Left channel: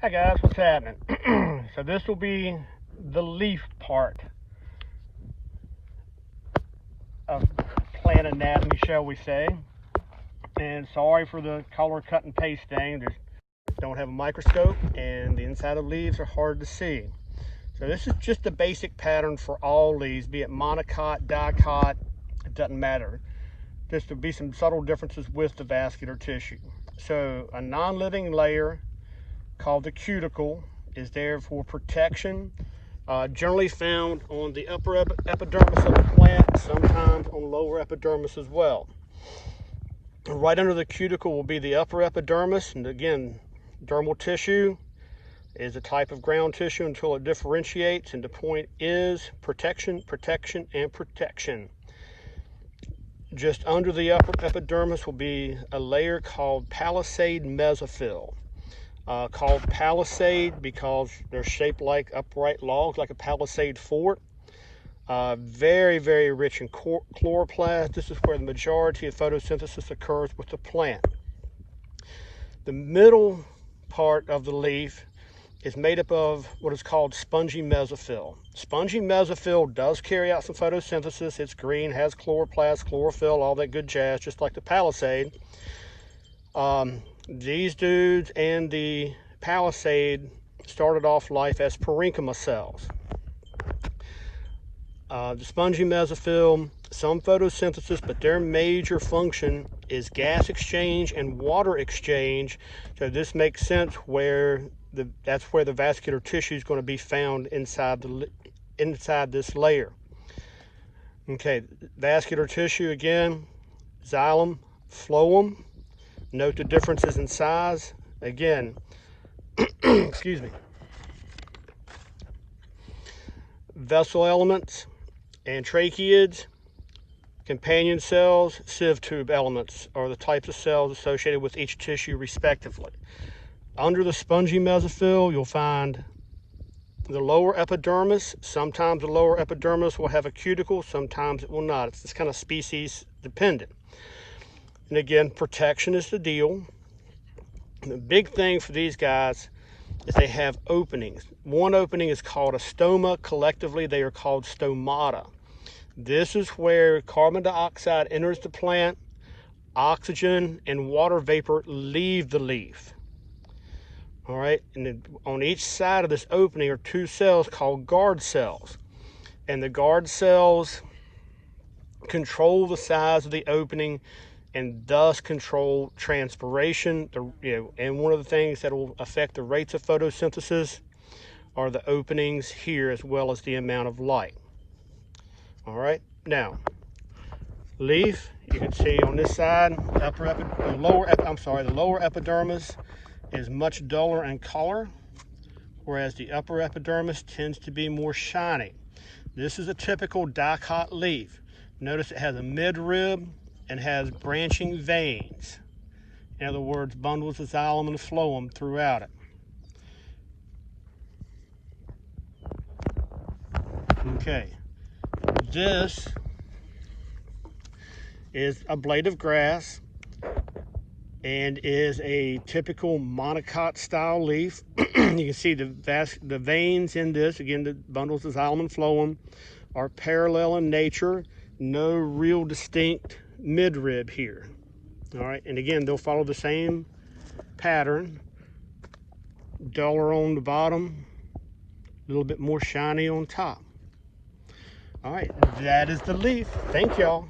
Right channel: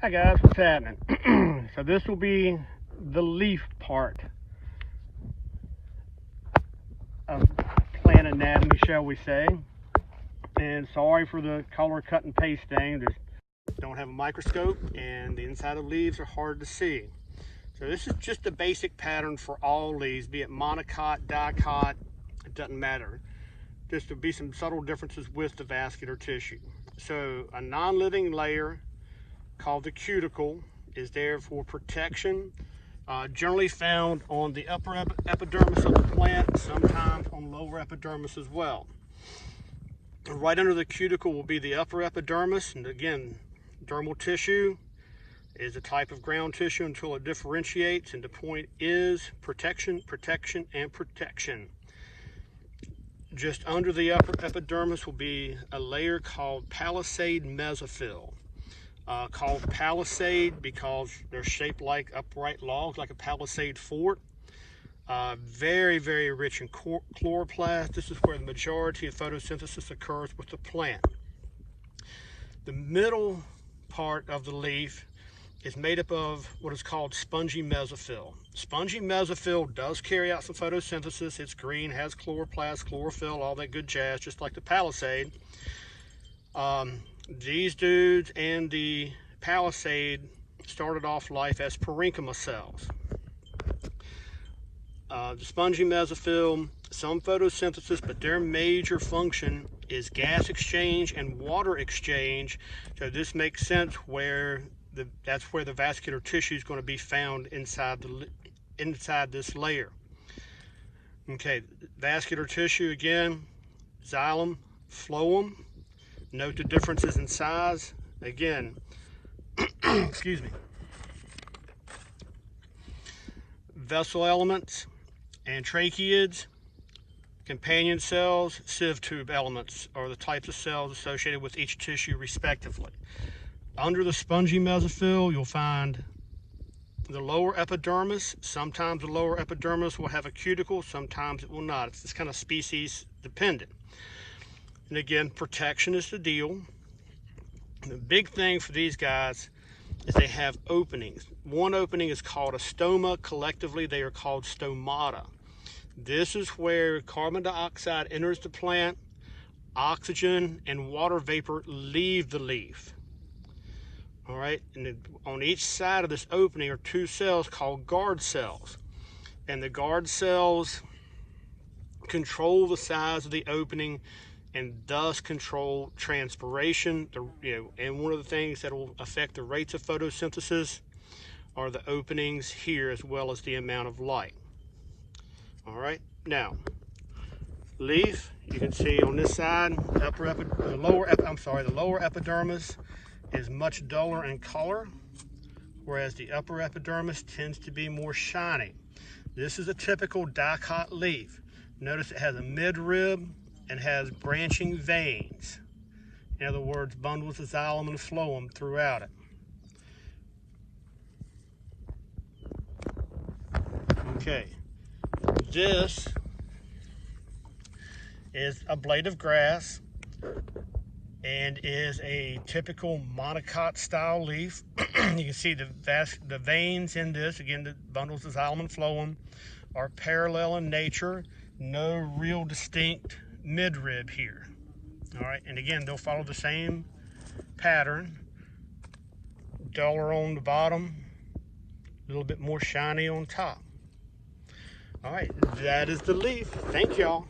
Hi guys, what's happening? So this will be the leaf part of plant anatomy, shall we say. And sorry for the color cut and paste thing. Just don't have a microscope and the inside of leaves are hard to see. So this is just a basic pattern for all leaves, be it monocot, dicot, it doesn't matter. Just to be some subtle differences with the vascular tissue. So a non-living layer called the cuticle is there for protection, generally found on the upper epidermis of the plant, sometimes on lower epidermis as well. Right under the cuticle will be the upper epidermis, and again, dermal tissue is a type of ground tissue until it differentiates, and the point is protection, protection, and protection. Just under the upper epidermis will be a layer called palisade mesophyll. Called palisade because they're shaped like upright logs, like a palisade fort. Very, very rich in chloroplast. This is where the majority of photosynthesis occurs with the plant. The middle part of the leaf is made up of what is called spongy mesophyll. Spongy mesophyll does carry out some photosynthesis. It's green, has chloroplast, chlorophyll, all that good jazz, just like the palisade. These dudes and the palisade started off life as parenchyma cells. The spongy mesophyll, some photosynthesis, but their major function is gas exchange and water exchange. So this makes sense where that's where the vascular tissue is going to be found inside this layer. Okay, vascular tissue again, xylem, phloem. Note the differences in size. Again, excuse me. Vessel elements and tracheids, companion cells, sieve tube elements are the types of cells associated with each tissue respectively. Under the spongy mesophyll, you'll find the lower epidermis. Sometimes the lower epidermis will have a cuticle, sometimes it will not. It's kind of species dependent. And again, protection is the deal. The big thing for these guys is they have openings. One opening is called a stoma. Collectively, they are called stomata. This is where carbon dioxide enters the plant, oxygen and water vapor leave the leaf. All right, and then on each side of this opening are two cells called guard cells. And the guard cells control the size of the opening and thus control transpiration. And one of the things that will affect the rates of photosynthesis are the openings here, as well as the amount of light. All right, now leaf, you can see on this side, the lower epidermis is much duller in color, whereas the upper epidermis tends to be more shiny. This is a typical dicot leaf. Notice it has a midrib and has branching veins. In other words, bundles of xylem and phloem throughout it. Okay, this is a blade of grass and is a typical monocot style leaf. You can see the veins in this, again, the bundles of xylem and phloem are parallel in nature. No real distinct midrib here. All right, and again, they'll follow the same pattern. Duller on the bottom, a little bit more shiny on top. All right, that is the leaf. Thank y'all.